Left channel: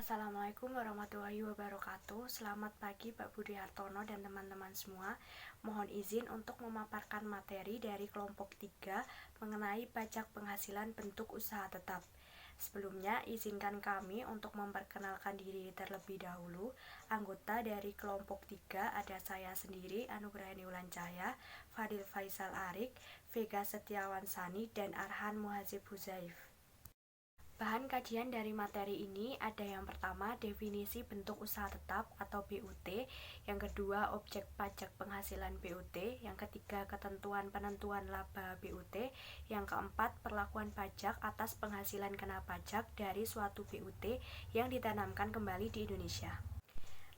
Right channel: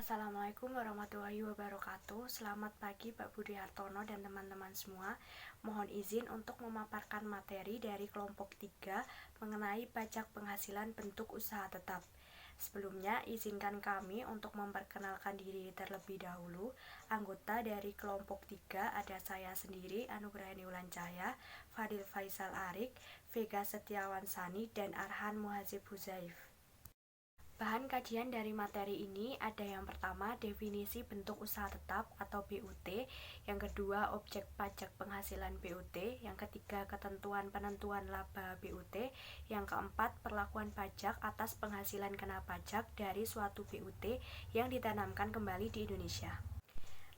Assalamualaikum warahmatullahi wabarakatuh. Selamat pagi Pak Budi Hartono dan teman-teman semua. Mohon izin untuk memaparkan materi dari kelompok 3 mengenai pajak penghasilan bentuk usaha tetap. Sebelumnya, izinkan kami untuk memperkenalkan diri terlebih dahulu. Anggota dari kelompok 3 ada saya sendiri, Anugrahani Wulan Cahya, Fadil Faisal Arik, Vega Setiawan Sani, dan Arhan Muhazib Huzaif. Bahan kajian dari materi ini ada yang pertama definisi bentuk usaha tetap atau BUT, yang kedua objek pajak penghasilan BUT, yang ketiga ketentuan penentuan laba BUT, yang keempat perlakuan pajak atas penghasilan kena pajak dari suatu BUT yang ditanamkan kembali di Indonesia.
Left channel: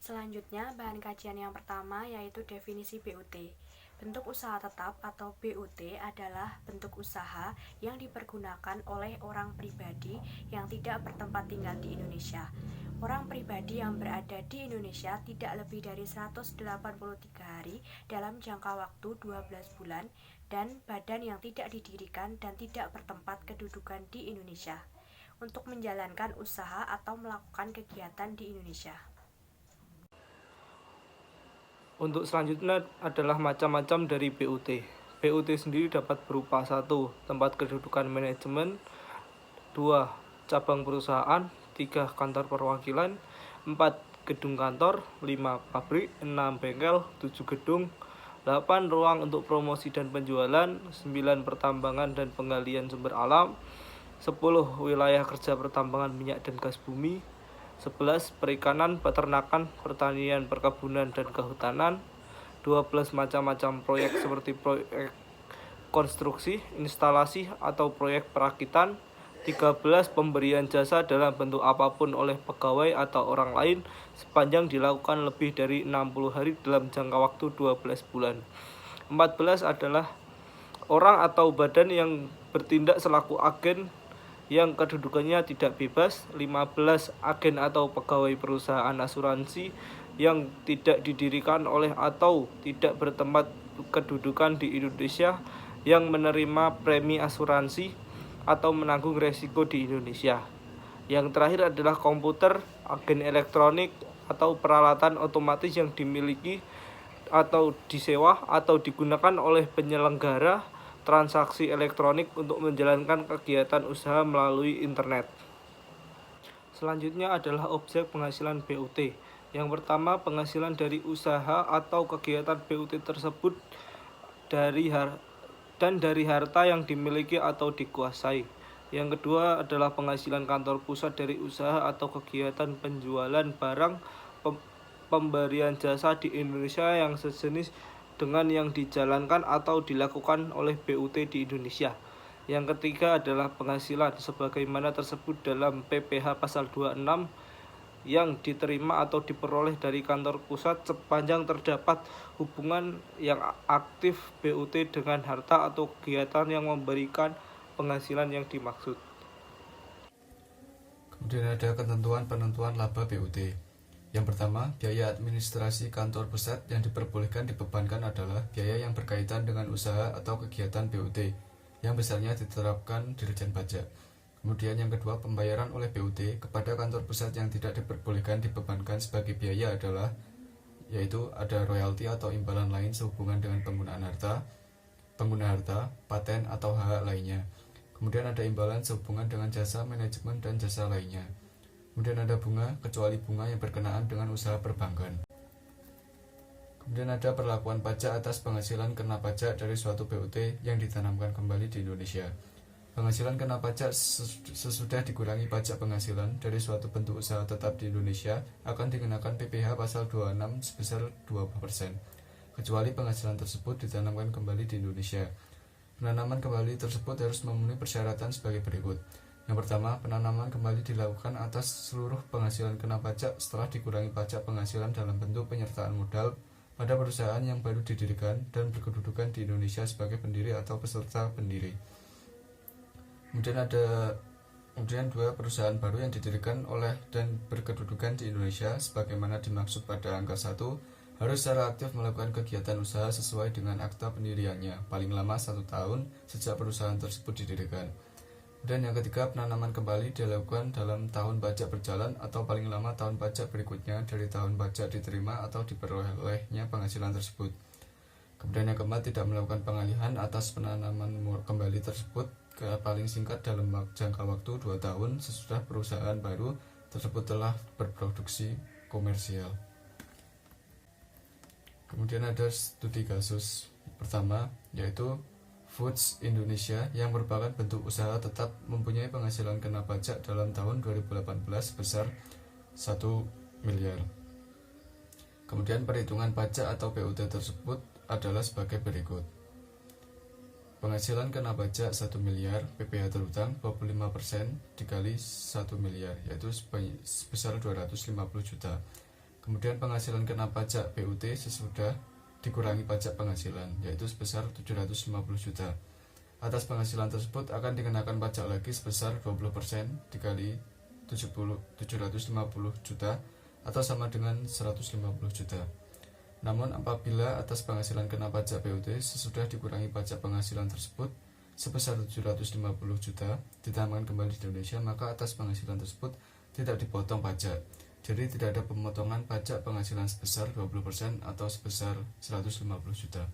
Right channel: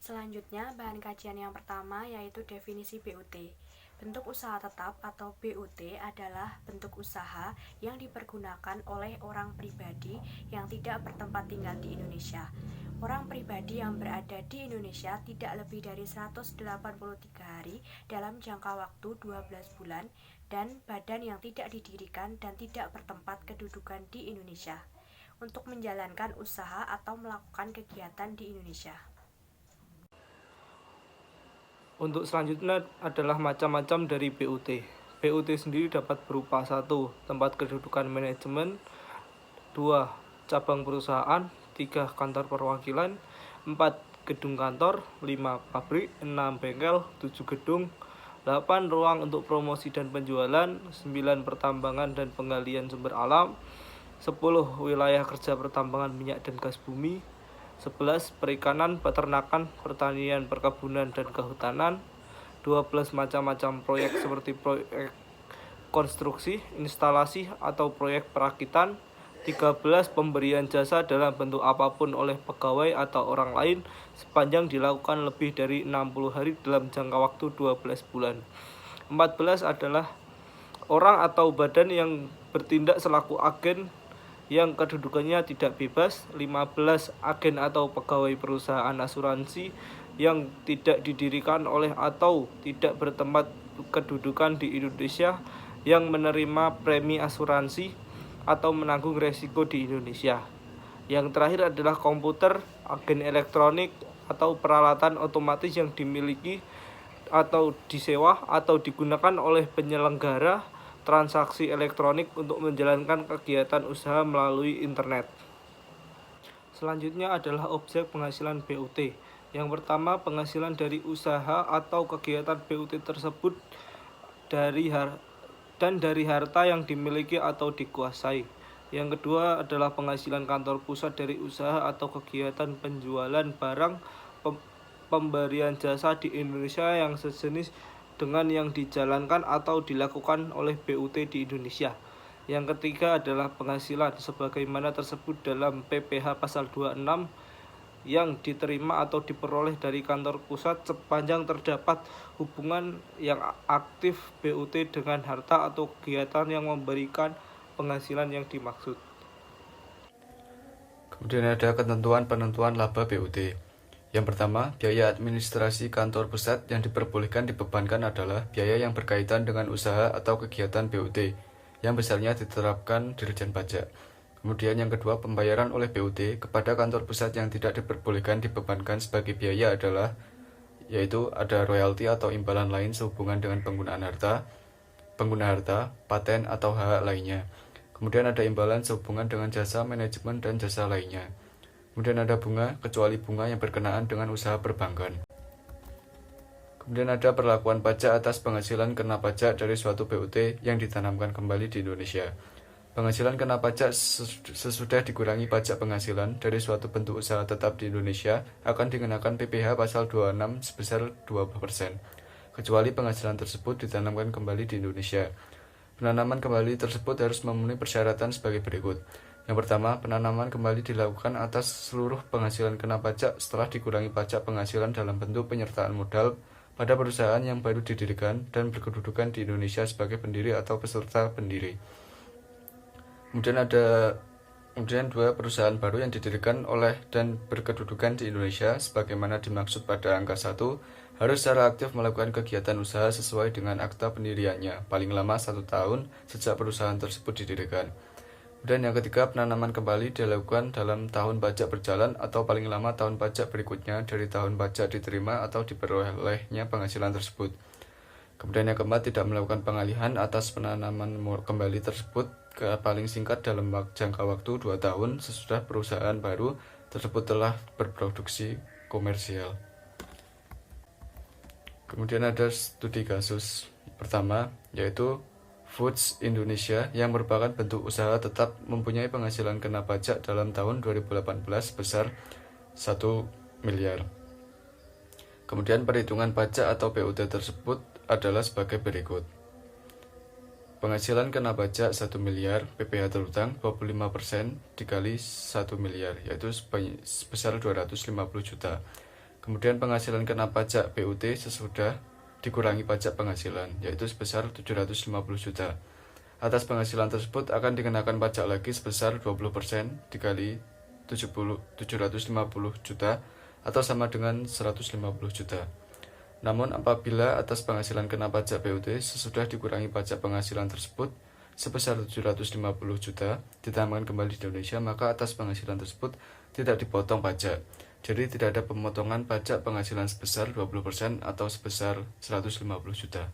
Selanjutnya, bahan kajian yang pertama yaitu definisi BUT. Bentuk usaha tetap atau BUT adalah bentuk usaha yang dipergunakan oleh orang pribadi yang tidak bertempat tinggal di Indonesia. Orang pribadi yang berada di Indonesia tidak lebih dari 183 hari dalam jangka waktu 12 bulan dan badan yang tidak didirikan dan tidak bertempat kedudukan di Indonesia untuk menjalankan usaha atau melakukan kegiatan di Indonesia. Untuk selanjutnya adalah macam-macam dari BUT. BUT sendiri dapat berupa 1. Tempat kedudukan manajemen, 2. Cabang perusahaan, 3. Kantor perwakilan, 4. Gedung kantor, 5. Pabrik, 6. Bengkel, 7. Gedung, 8. Ruang untuk promosi dan penjualan, 9. Pertambangan dan penggalian sumber alam, 10. Wilayah kerja pertambangan minyak dan gas bumi, 11. Perikanan, peternakan, pertanian, perkebunan, dan kehutanan, 12. Macam-macam proyek seperti proyek konstruksi, instalasi, atau proyek perakitan, 13. Pemberian jasa dalam bentuk apapun oleh pegawai atau orang lain sepanjang dilakukan lebih dari 60 hari dalam jangka waktu 12 bulan. 14 adalah orang atau badan yang bertindak selaku agen yang kedudukannya tidak bebas. 15. Agen atau pegawai perusahaan asuransi yang tidak didirikan oleh atau tidak bertempat kedudukan di Indonesia yang menerima premi asuransi atau menanggung resiko di Indonesia. Yang terakhir adalah komputer, agen elektronik, atau peralatan otomatis yang dimiliki atau disewa atau digunakan oleh penyelenggara transaksi elektronik untuk menjalankan kegiatan usaha melalui internet. Selanjutnya adalah objek penghasilan BUT. Yang pertama, penghasilan dari usaha atau kegiatan BUT tersebut dari harta yang dimiliki atau dikuasai. Yang kedua adalah penghasilan kantor pusat dari usaha atau kegiatan penjualan barang pemberian jasa di Indonesia yang sejenis dengan yang dijalankan atau dilakukan oleh BUT di Indonesia. Yang ketiga adalah penghasilan sebagaimana tersebut dalam PPh pasal 26 yang diterima atau diperoleh dari kantor pusat sepanjang terdapat hubungan yang aktif BUT dengan harta atau kegiatan yang memberikan penghasilan yang dimaksud. Kemudian ada ketentuan penentuan laba BUT. Yang pertama, biaya administrasi kantor pusat yang diperbolehkan dibebankan adalah biaya yang berkaitan dengan usaha atau kegiatan BUT, yang besarnya diterapkan Dirjen Pajak. Kemudian yang kedua, pembayaran oleh BUT kepada kantor pusat yang tidak diperbolehkan dibebankan sebagai biaya adalah, yaitu ada royalti atau imbalan lain sehubungan dengan pengguna harta, paten atau hak lainnya. Kemudian ada imbalan sehubungan dengan jasa manajemen dan jasa lainnya. Kemudian ada bunga, kecuali bunga yang berkenaan dengan usaha perbankan. Kemudian ada perlakuan pajak atas penghasilan kena pajak dari suatu BUT yang ditanamkan kembali di Indonesia. Penghasilan kena pajak sesudah dikurangi pajak penghasilan dari suatu bentuk usaha tetap di Indonesia akan dikenakan PPh pasal 26 sebesar 20%, kecuali penghasilan tersebut ditanamkan kembali di Indonesia. Penanaman kembali tersebut harus memenuhi persyaratan sebagai berikut. Yang pertama, penanaman kembali dilakukan atas seluruh penghasilan kena pajak setelah dikurangi pajak penghasilan dalam bentuk penyertaan modal pada perusahaan yang baru didirikan dan berkedudukan di Indonesia sebagai pendiri atau peserta pendiri. Kemudian dua perusahaan baru yang didirikan oleh dan berkedudukan di Indonesia sebagaimana dimaksud pada angka 1 harus secara aktif melakukan kegiatan usaha sesuai dengan akta pendiriannya paling lama 1 tahun sejak perusahaan tersebut didirikan. Kemudian yang ketiga, penanaman kembali dilakukan dalam tahun pajak berjalan atau paling lama tahun pajak berikutnya dari tahun pajak diterima atau diperolehnya penghasilan tersebut. Kemudian yang keempat, tidak melakukan pengalihan atas penanaman kembali tersebut ke paling singkat dalam jangka waktu 2 tahun sesudah perusahaan baru tersebut telah berproduksi komersial. Kemudian ada studi kasus pertama, yaitu Foods Indonesia yang merupakan bentuk usaha tetap mempunyai penghasilan kena pajak dalam tahun 2018 sebesar 1 miliar. Kemudian perhitungan pajak atau PUT tersebut adalah sebagai berikut. Penghasilan kena pajak 1 miliar, PPh terutang 25% dikali 1 miliar, yaitu sebesar 250 juta. Kemudian penghasilan kena pajak PUT sesudah dikurangi pajak penghasilan, yaitu sebesar 750 juta. Atas penghasilan tersebut akan dikenakan pajak lagi sebesar 20% dikali 750 juta atau sama dengan 150 juta. Namun apabila atas penghasilan kena pajak PUT sesudah dikurangi pajak penghasilan tersebut sebesar 750 juta ditambahkan kembali di Indonesia, maka atas penghasilan tersebut tidak dipotong pajak. Jadi tidak ada pemotongan pajak penghasilan sebesar 20% atau sebesar 150 juta.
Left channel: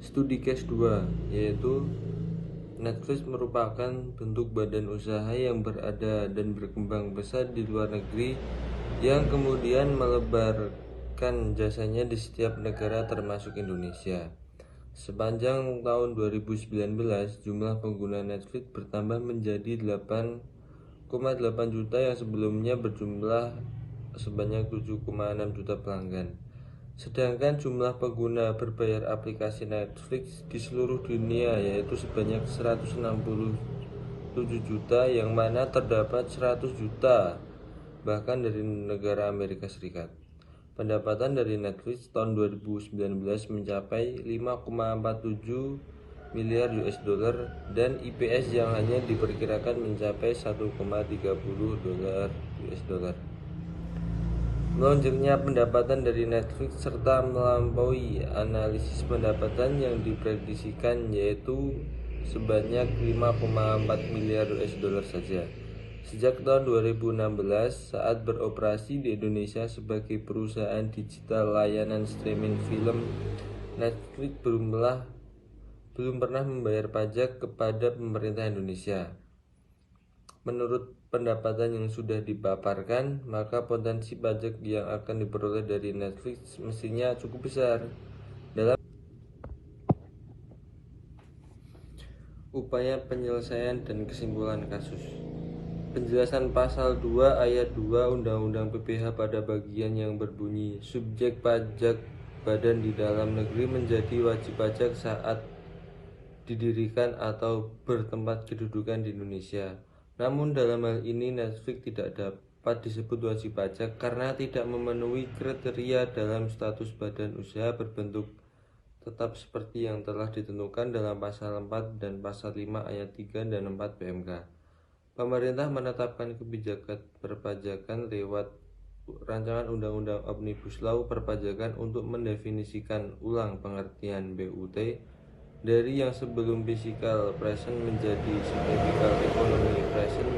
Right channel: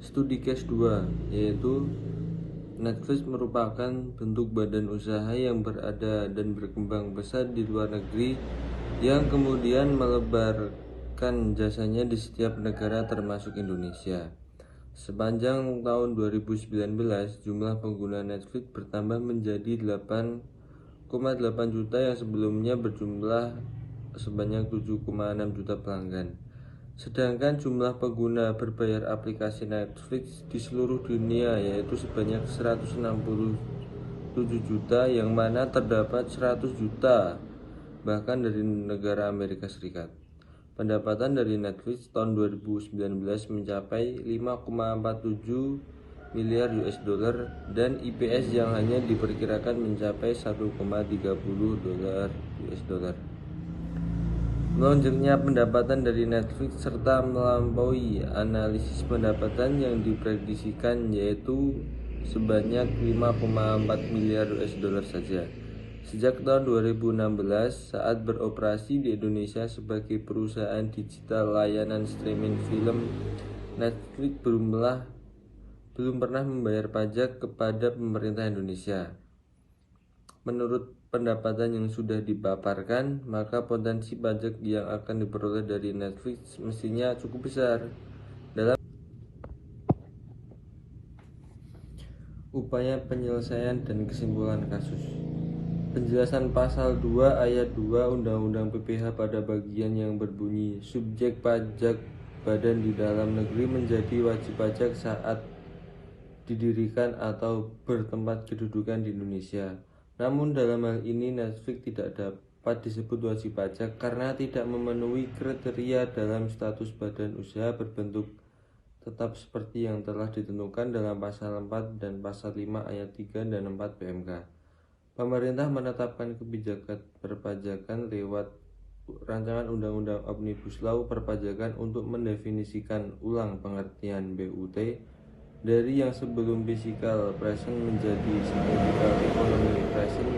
Studi case 2, yaitu Netflix merupakan bentuk badan usaha yang berada dan berkembang besar di luar negeri yang kemudian melebarkan jasanya di setiap negara termasuk Indonesia. Sepanjang tahun 2019, jumlah pengguna Netflix bertambah menjadi 8,8 juta yang sebelumnya berjumlah sebanyak 7,6 juta pelanggan. Sedangkan jumlah pengguna berbayar aplikasi Netflix di seluruh dunia yaitu sebanyak 167 juta, yang mana terdapat 100 juta bahkan dari negara Amerika Serikat. Pendapatan dari Netflix tahun 2019 mencapai 5,47 miliar US dollar dan IPS yang hanya diperkirakan mencapai 1,30 dolar US dollar. Melonjaknya pendapatan dari Netflix serta melampaui analisis pendapatan yang diprediksikan, yaitu sebanyak 5,4 miliar US dollar saja. Sejak tahun 2016 saat beroperasi di Indonesia sebagai perusahaan digital layanan streaming film, Netflix belum pernah membayar pajak kepada pemerintah Indonesia. Menurut pendapatan yang sudah dipaparkan, maka potensi pajak yang akan diperoleh dari Netflix mestinya cukup besar. Dalam upaya penyelesaian dan kesimpulan kasus, penjelasan pasal 2 ayat 2 Undang-Undang PPh pada bagian yang berbunyi subjek pajak badan di dalam negeri menjadi wajib pajak saat didirikan atau bertempat kedudukan di Indonesia. Namun dalam hal ini Netflix tidak dapat disebut wajib pajak karena tidak memenuhi kriteria dalam status badan usaha berbentuk tetap seperti yang telah ditentukan dalam pasal 4 dan pasal 5 ayat 3 dan 4 PMK. Pemerintah menetapkan kebijakan perpajakan lewat rancangan Undang-Undang Omnibus Law Perpajakan untuk mendefinisikan ulang pengertian BUT dari yang sebelum physical present menjadi significant economic present.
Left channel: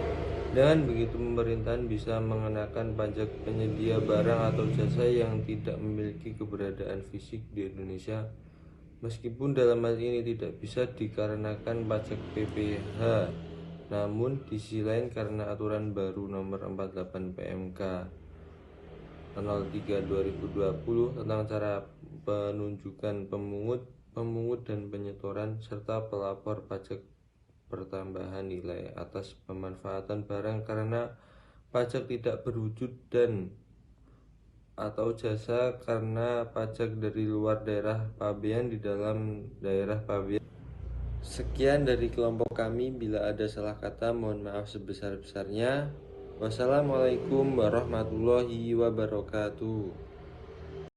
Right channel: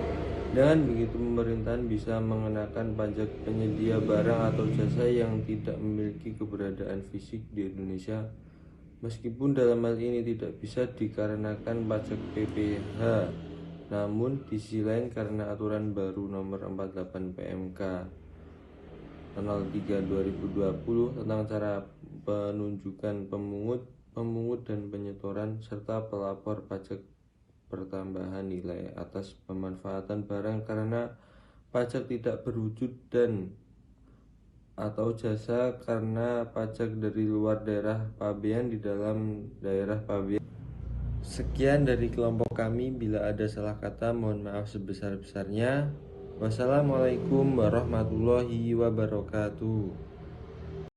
Dengan begitu pemerintahan bisa mengenakan pajak penyedia barang atau jasa yang tidak memiliki keberadaan fisik di Indonesia, meskipun dalam hal ini tidak bisa dikarenakan pajak PPh. Namun di sisi lain karena aturan baru nomor 48 PMK tanggal 3 2020 tentang cara penunjukan pemungut dan penyetoran serta pelapor pajak pertambahan nilai atas pemanfaatan barang karena pajak tidak berwujud dan atau jasa karena pajak dari luar daerah pabean di dalam daerah pabean. Sekian dari kelompok kami, bila ada salah kata mohon maaf sebesar-besarnya. Wassalamualaikum warahmatullahi wabarakatuh.